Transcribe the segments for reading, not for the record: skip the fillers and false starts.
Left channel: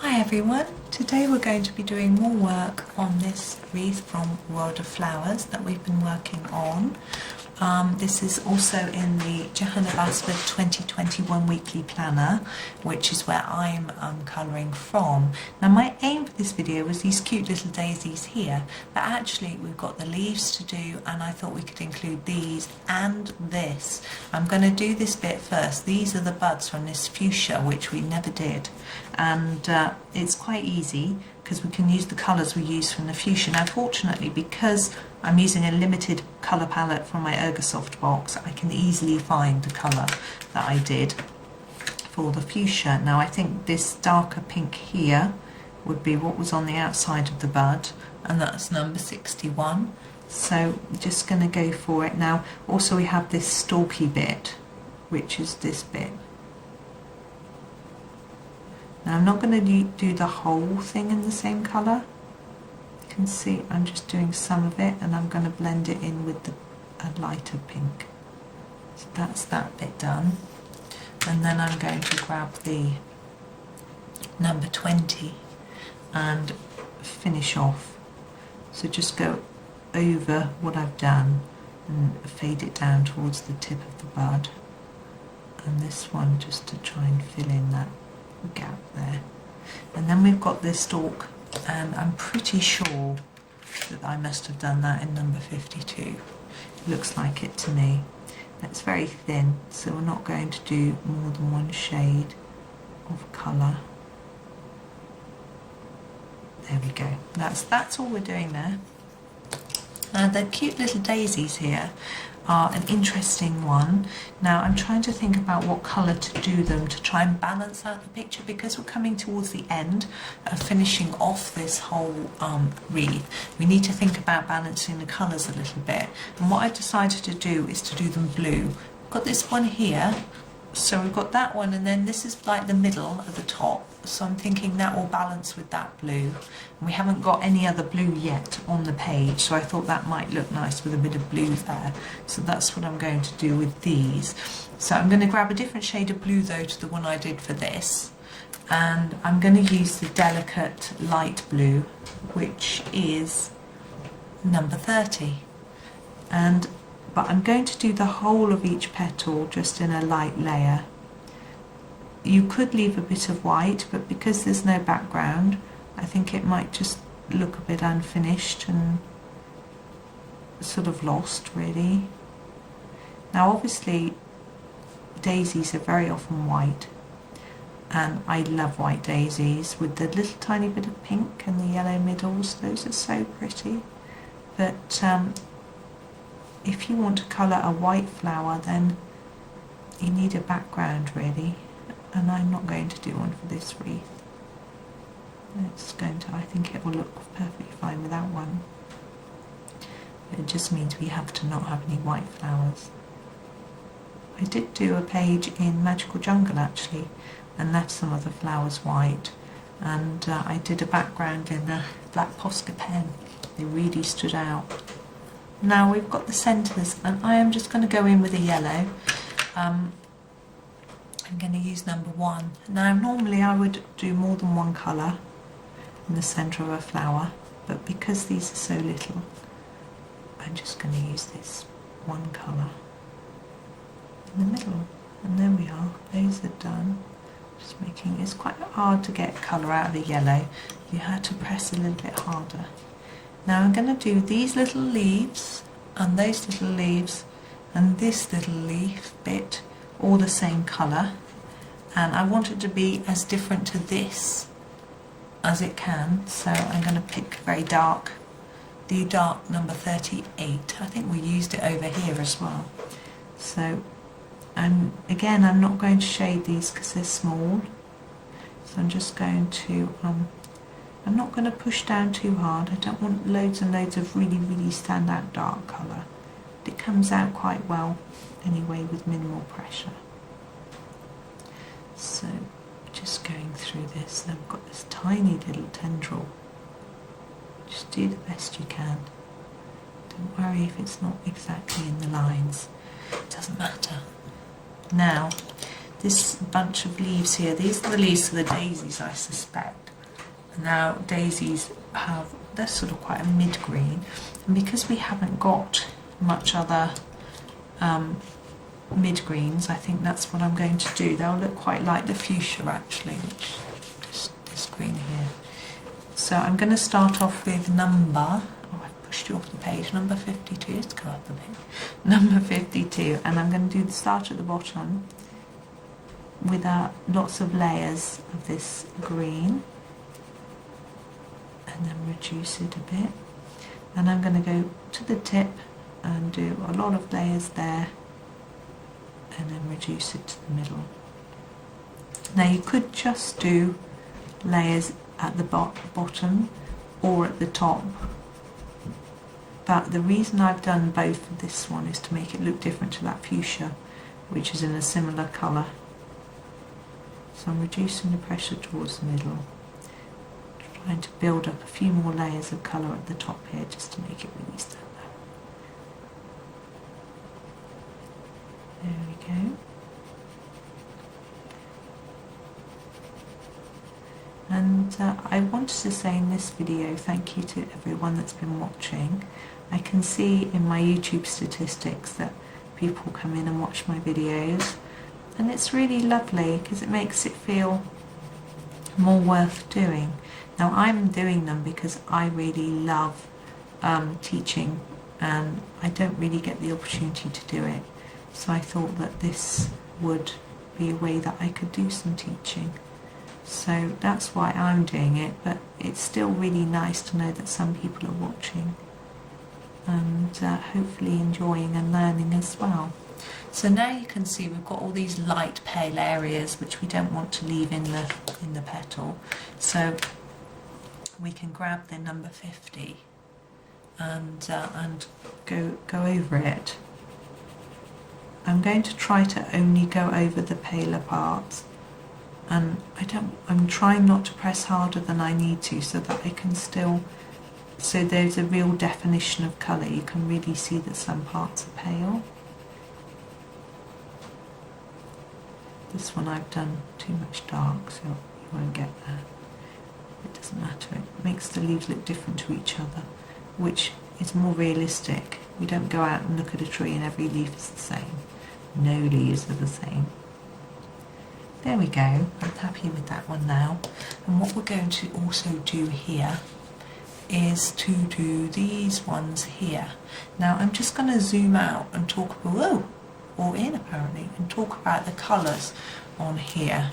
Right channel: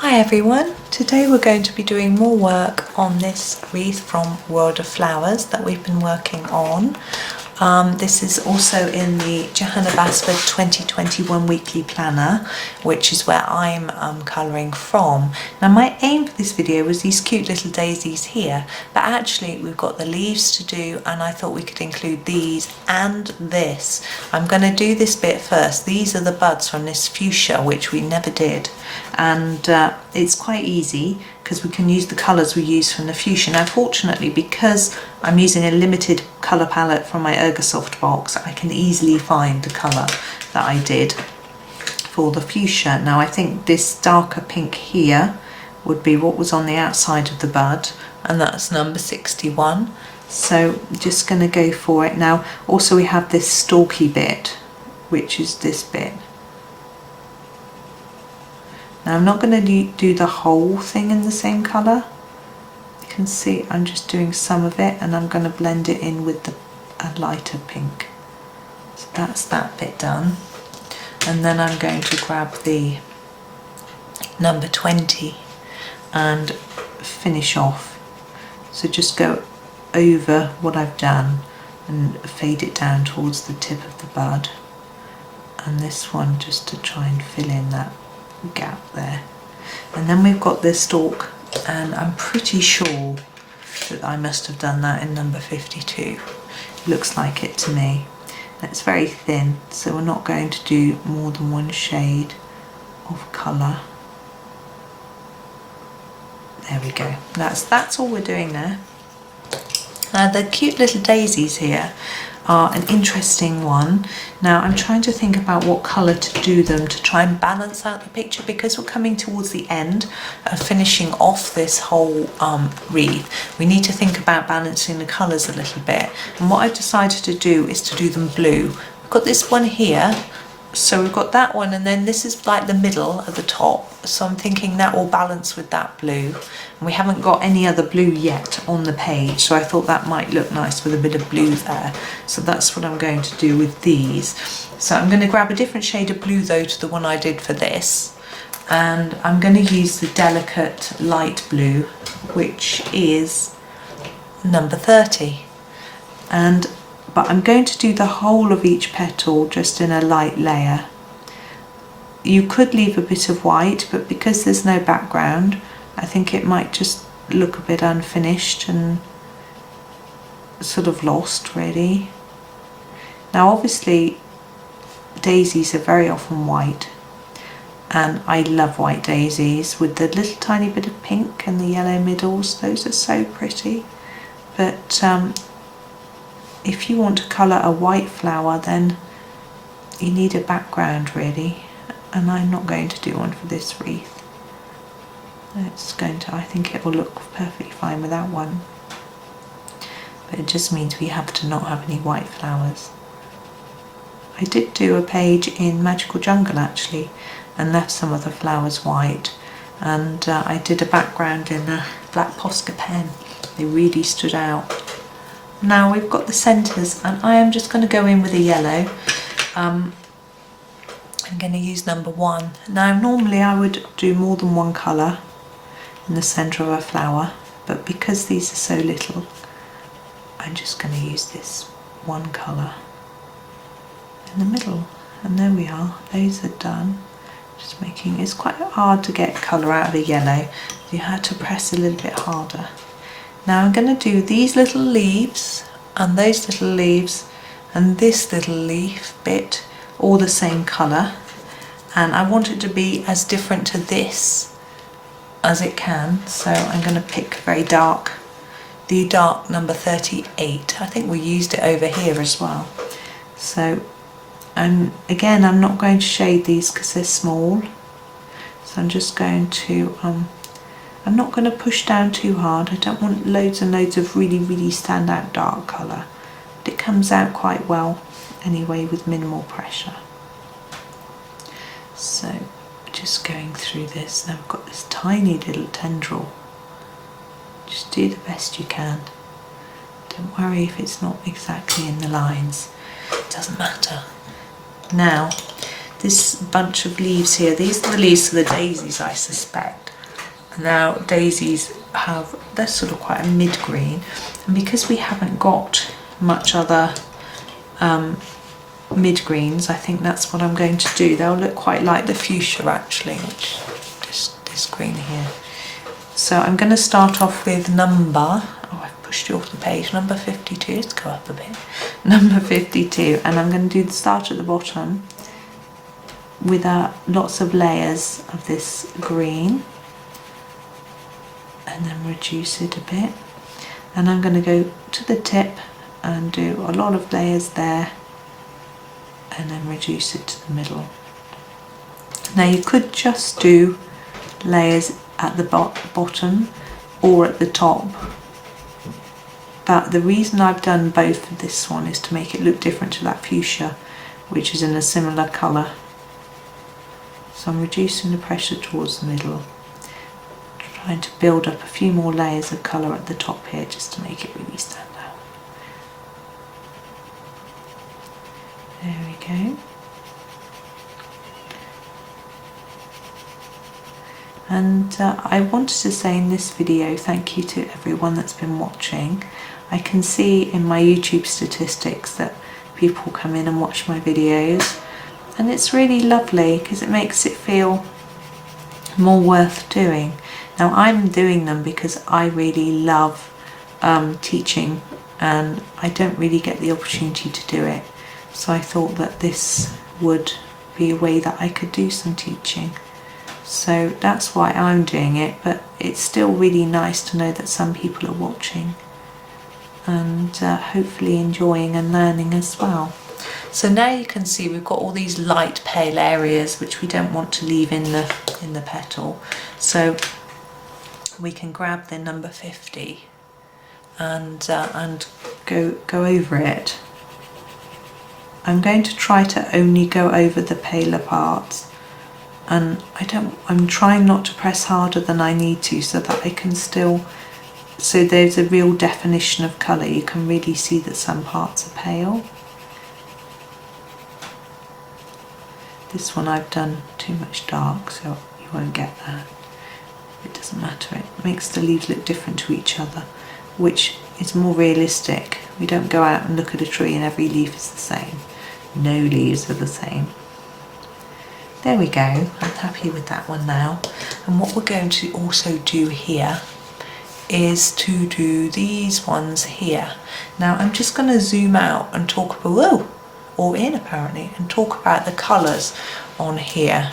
Hi everyone, today we're going to be doing more work on this wreath from World of Flowers that we've been working on. This is also in the Johanna Basford 2021 weekly planner, which is where I'm colouring from. Now my aim for this video was these cute little daisies here, but actually we've got the leaves to do and I thought we could include these and this. I'm going to do this bit first. These are the buds from this fuchsia, which we never did, and it's quite easy because we can use the colours we used from the fuchsia. Now fortunately, because I'm using a limited colour palette from my Ergosoft box, I can easily find the colour that I did for the fuchsia. Now I think this darker pink here would be what was on the outside of the bud, and that's number 61. So I'm just going to go for it. Now also we have this stalky bit, which is this bit. Now I'm not going to do the whole thing in the same colour. You can see I'm just doing some of it and I'm going to blend it in with a lighter pink. So that's that bit done. And then I'm going to grab the number 20 and finish off. So just go over what I've done and fade it down towards the tip of the bud. And this one just to try and fill in that gap there. And then we've got this stalk, and I'm pretty sure that I must have done that in number 52. Looks like it to me. And it's very thin, so we're not going to do more than one shade of colour. There we go. That's all we're doing there. Now the cute little daisies here are an interesting one. Now I'm trying to think about what colour to do them to try and balance out the picture, because we're coming towards the end of finishing off this whole wreath. We need to think about balancing the colours a little bit, and what I've decided to do is to do them blue. We've got this one here, so we've got that one, and then this is like the middle at the top, so I'm thinking that will balance with that blue. And we haven't got any other blue yet on the page, so I thought that might look nice with a bit of blue there. So that's what I'm going to do with these. So I'm going to grab a different shade of blue though to the one I did for this, and I'm going to use the delicate light blue, which is number 30. But I'm going to do the whole of each petal just in a light layer. You could leave a bit of white, but because there's no background, I think it might just look a bit unfinished and sort of lost really. Now obviously daisies are very often white, and I love white daisies with the little tiny bit of pink and the yellow middles. Those are so pretty. But if you want to colour a white flower, then you need a background really, and I'm not going to do one for this wreath. I think it will look perfectly fine without one, but it just means we have to not have any white flowers. I did do a page in Magical Jungle actually and left some of the flowers white, and I did a background in a black Posca pen. They really stood out. Now we've got the centres, and I am just going to go in with a yellow. I'm going to use number 1. Now normally I would do more than one colour in the centre of a flower, but because these are so little, I'm just going to use this one colour in the middle. And there we are, those are done. Just making, it's quite hard to get colour out of a yellow, you had to press a little bit harder. Now I'm going to do these little leaves and those little leaves and this little leaf bit all the same colour, and I want it to be as different to this as it can, so I'm going to pick very dark, the dark number 38. I think we used it over here as well. So again I'm not going to shade these because they're small, so I'm just going to I'm not going to push down too hard. I don't want loads and loads of really, really stand out dark colour. But it comes out quite well anyway with minimal pressure. So just going through this. Now I've got this tiny little tendril. Just do the best you can. Don't worry if it's not exactly in the lines. It doesn't matter. Now this bunch of leaves here, these are the leaves of the daisies, I suspect. Now daisies they're sort of quite a mid-green, and because we haven't got much other mid-greens, I think that's what I'm going to do. They'll look quite like the fuchsia actually, which this green here. So I'm going to start off with I've pushed you off the page, number 52, let's go up a bit, number 52, and I'm going to do the start at the bottom with lots of layers of this green, and then reduce it a bit, and I'm going to go to the tip and do a lot of layers there, and then reduce it to the middle. Now you could just do layers at the bottom or at the top, but the reason I've done both for this one is to make it look different to that fuchsia, which is in a similar colour. So I'm reducing the pressure towards the middle, trying to build up a few more layers of colour at the top here just to make it really stand out. There we go. And I wanted to say in this video, thank you to everyone that's been watching. I can see in my YouTube statistics that people come in and watch my videos, and it's really lovely because it makes it feel more worth doing. Now I'm doing them because I really love teaching, and I don't really get the opportunity to do it. So I thought that this would be a way that I could do some teaching. So that's why I'm doing it, but it's still really nice to know that some people are watching and hopefully enjoying and learning as well. So now you can see we've got all these light pale areas which we don't want to leave in the petal. So we can grab the number 50 and go over it. I'm going to try to only go over the paler parts, and I'm trying not to press harder than I need to, so that I can still, so there's a real definition of colour. You can really see that some parts are pale. This one I've done too much dark, so you won't get that. It doesn't matter, it makes the leaves look different to each other, which is more realistic. We don't go out and look at a tree and every leaf is the same. No leaves are the same. There we go, I'm happy with that one now. And what we're going to also do here is to do these ones here. Now I'm just going to zoom out and talk about, whoa, or in apparently, and talk about the colours on here.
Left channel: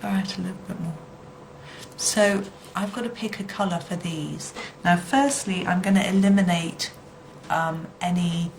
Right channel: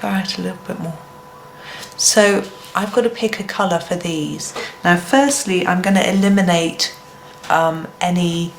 Go out a little bit more. So I've got to pick a colour for these. Now firstly I'm going to eliminate any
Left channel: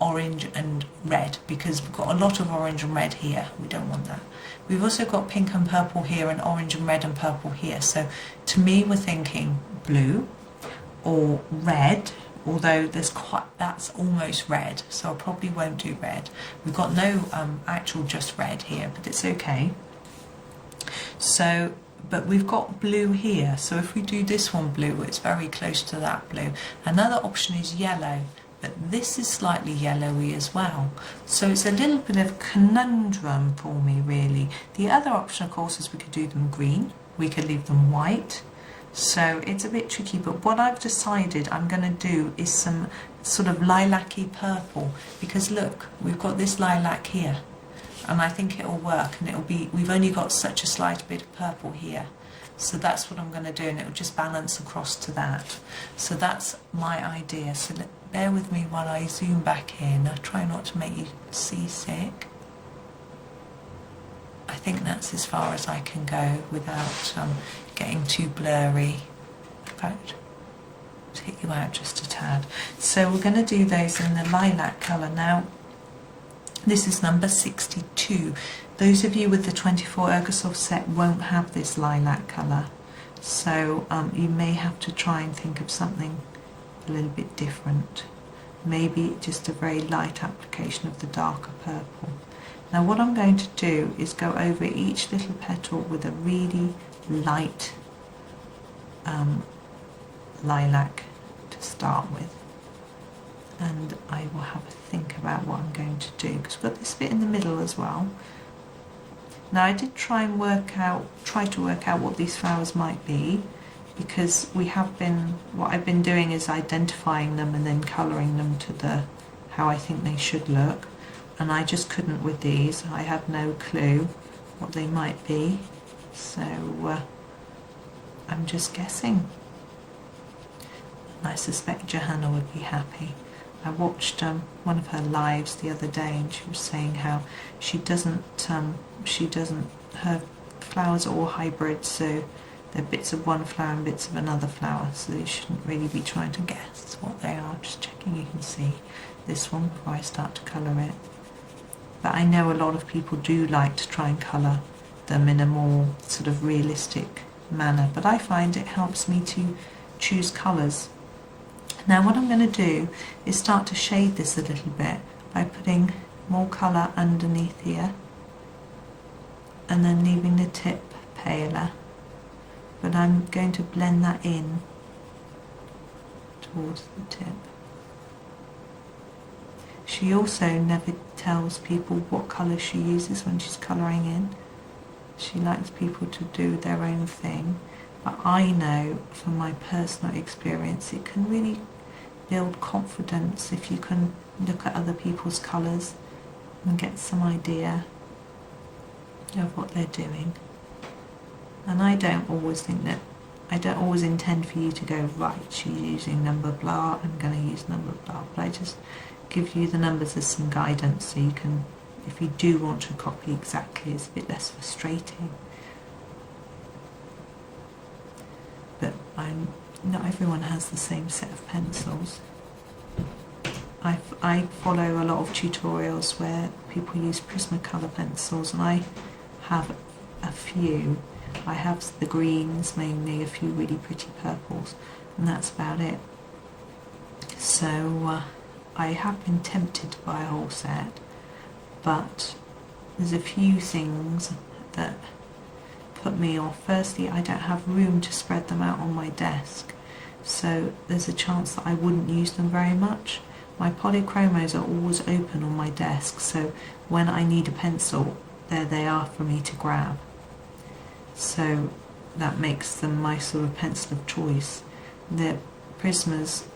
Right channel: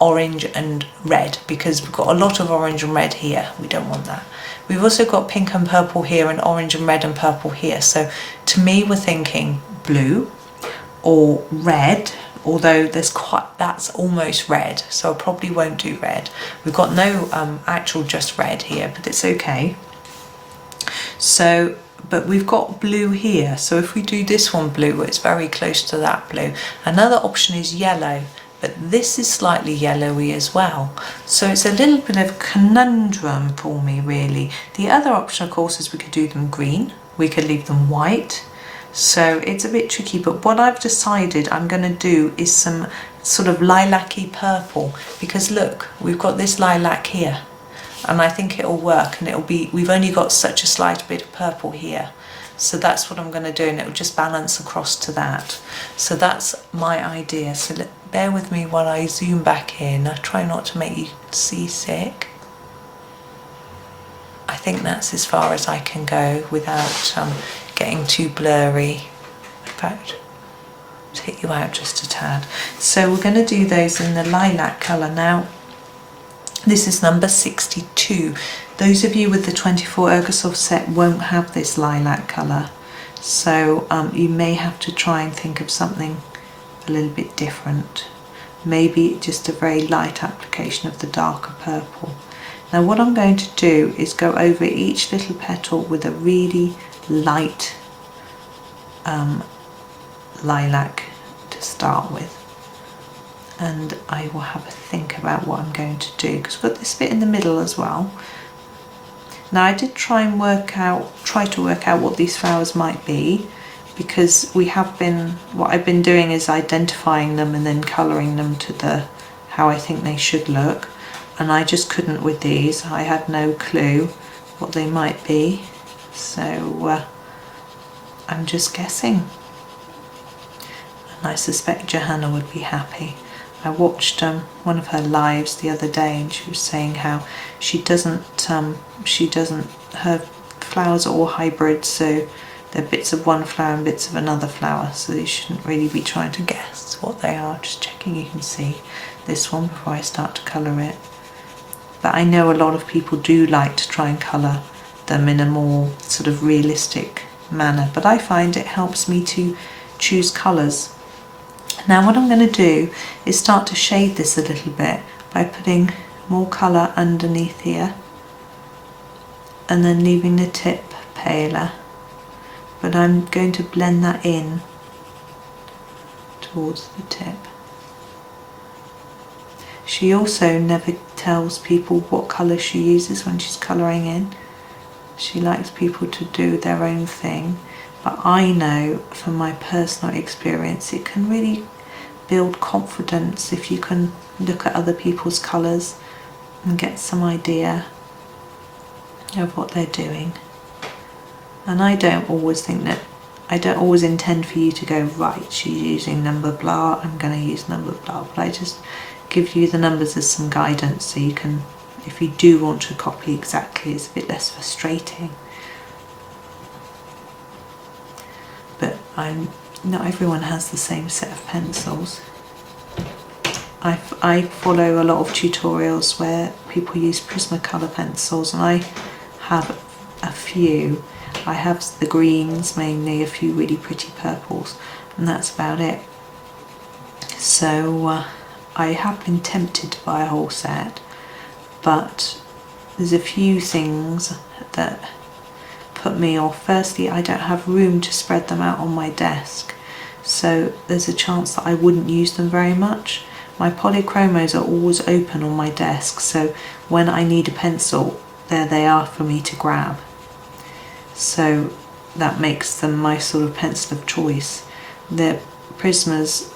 orange and red, because we've got a lot of orange and red here. We don't want that. We've also got pink and purple here, and orange and red and purple here. So to me we're thinking blue or red, although that's almost red, so I probably won't do red. We've got no actual just red here, but it's okay. So, but we've got blue here, so if we do this one blue, it's very close to that blue. Another option is yellow, but this is slightly yellowy as well. So it's a little bit of a conundrum for me, really. The other option, of course, is we could do them green. We could leave them white. So it's a bit tricky, but what I've decided I'm going to do is some sort of lilac-y purple, because look, we've got this lilac here, and I think it'll work, and we've only got such a slight bit of purple here. So that's what I'm going to do, and it will just balance across to that. So that's my idea. So bear with me while I zoom back in. I try not to make you seasick. I think that's as far as I can go without getting too blurry. In fact, take you out just a tad. So we're going to do those in the lilac colour now. This is number 62. Those of you with the 24 Ergosoft set won't have this lilac colour, so you may have to try and think of something a little bit different. Maybe just a very light application of the darker purple. Now what I'm going to do is go over each little petal with a really light lilac to start with. And I will have a think about what I'm going to do, because we've got this bit in the middle as well. Now I did try to work out what these flowers might be, because what I've been doing is identifying them and then colouring them to how I think they should look, and I just couldn't with these. I had no clue what they might be, so I'm just guessing, and I suspect Johanna would be happy. I watched one of her lives the other day, and she was saying how her flowers are all hybrids, so they're bits of one flower and bits of another flower, so you shouldn't really be trying to guess what they are. Just checking you can see this one before I start to colour it. But I know a lot of people do like to try and colour them in a more sort of realistic manner, but I find it helps me to choose colours. Now what I'm going to do is start to shade this a little bit by putting more colour underneath here and then leaving the tip paler, but I'm going to blend that in towards the tip. She also never tells people what colour she uses when she's colouring in. She likes people to do their own thing, but I know from my personal experience it can really build confidence if you can look at other people's colours and get some idea of what they're doing. And I don't always intend for you to go, right, she's using number blah, I'm going to use number blah, but I just give you the numbers as some guidance, so you can, if you do want to copy exactly, it's a bit less frustrating. But not everyone has the same set of pencils. I follow a lot of tutorials where people use Prismacolor pencils, and I have a few. I have the greens mainly, a few really pretty purples, and that's about it. So I have been tempted to buy a whole set, but there's a few things that put me off. Firstly, I don't have room to spread them out on my desk, so there's a chance that I wouldn't use them very much. My polychromos are always open on my desk, so when I need a pencil, there they are for me to grab. So that makes them my sort of pencil of choice. The Prismas,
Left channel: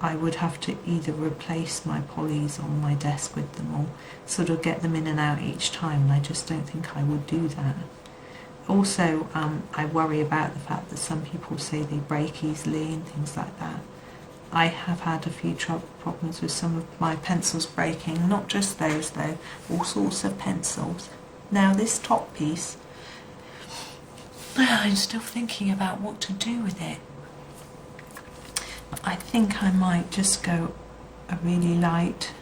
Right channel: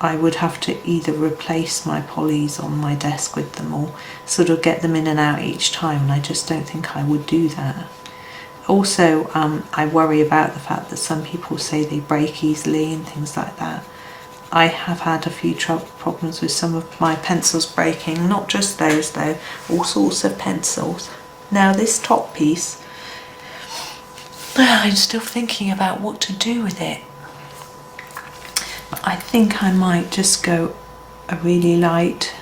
I would have to either replace my polys on my desk with them or sort of get them in and out each time, and I just don't think I would do that. Also, I worry about the fact that some people say they break easily and things like that. I have had a few problems with some of my pencils breaking, not just those though, all sorts of pencils. Now this top piece, I'm still thinking about what to do with it. I think I might just go a really light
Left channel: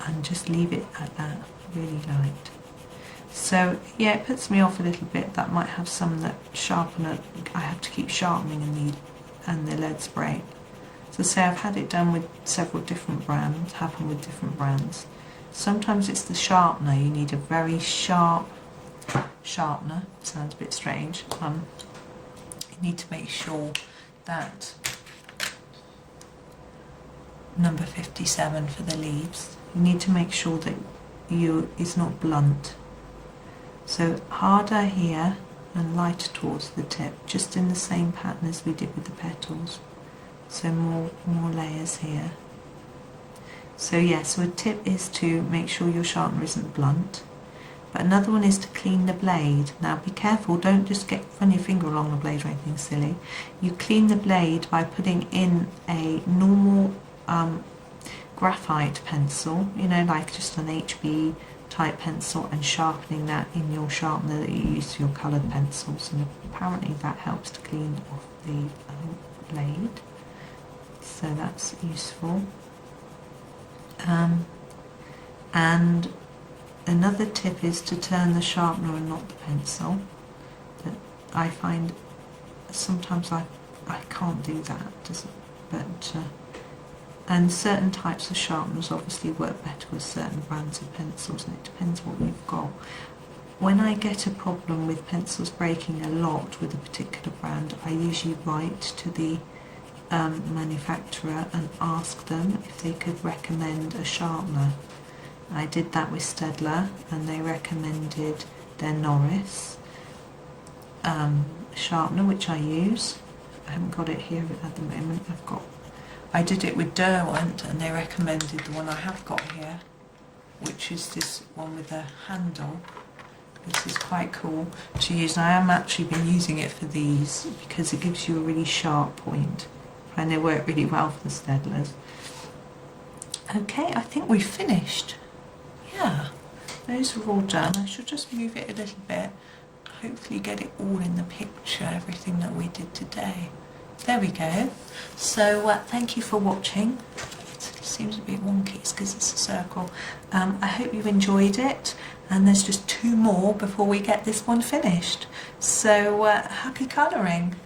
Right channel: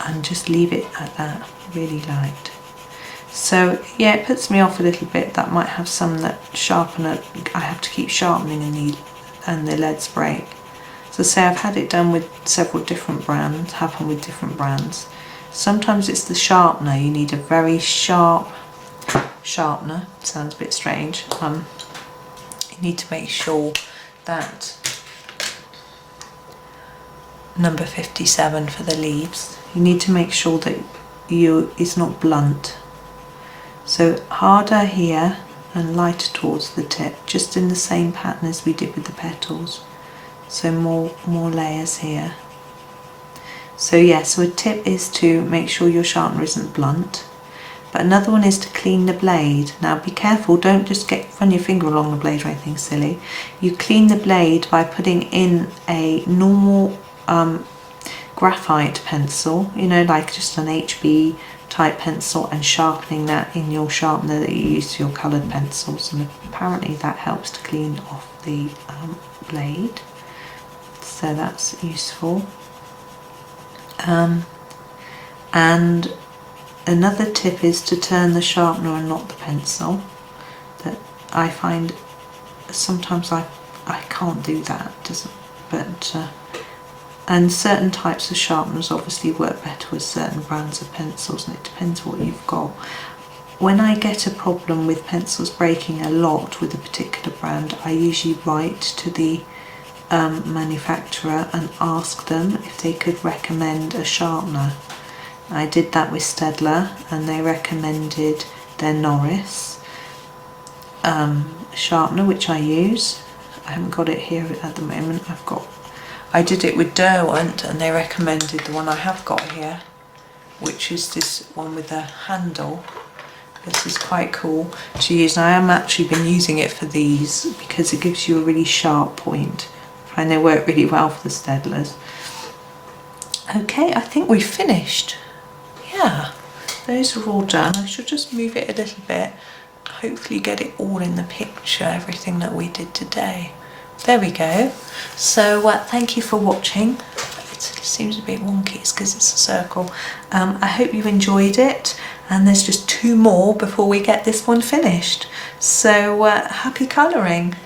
and just leave it at that, really light. So yeah, it puts me off a little bit. That might have some that sharpener, I have to keep sharpening and the leads break. So say I've had it done with several different brands, happen with different brands. Sometimes it's the sharpener, you need a very sharp sharpener, sounds a bit strange. You need to make sure that number 57 for the leaves, you need to make sure that it's not blunt. So harder here and lighter towards the tip, just in the same pattern as we did with the petals. So more layers here. So yeah, so a tip is to make sure your sharpener isn't blunt. But another one is to clean the blade. Now be careful, don't just run your finger along the blade or anything silly. You clean the blade by putting in a normal graphite pencil, you know, like just an HB type pencil, and sharpening that in your sharpener that you use for your coloured pencils, and apparently that helps to clean off the blade, so that's useful. And another tip is to turn the sharpener and not the pencil. That I find sometimes I can't do that, and certain types of sharpeners obviously work better with certain brands of pencils, and it depends what you've got. When I get a problem with pencils breaking a lot with a particular brand, I usually write to the manufacturer and ask them if they could recommend a sharpener. I did that with Staedtler and they recommended their Noris sharpener, which I use. I haven't got it here at the moment. I did it with Derwent and they recommended the one I have got here, which is this one with the handle. This is quite cool to use. And I am actually been using it for these because it gives you a really sharp point. I find they work really well for the Staedtlers. Okay, I think we've finished. Yeah, those are all done. I should just move it a little bit. Hopefully get it all in the picture, everything that we did today. There we go. So thank you for watching. It seems a bit wonky, it's because it's a circle. I hope you enjoyed it, and there's just 2 more before we get this one finished. So happy colouring.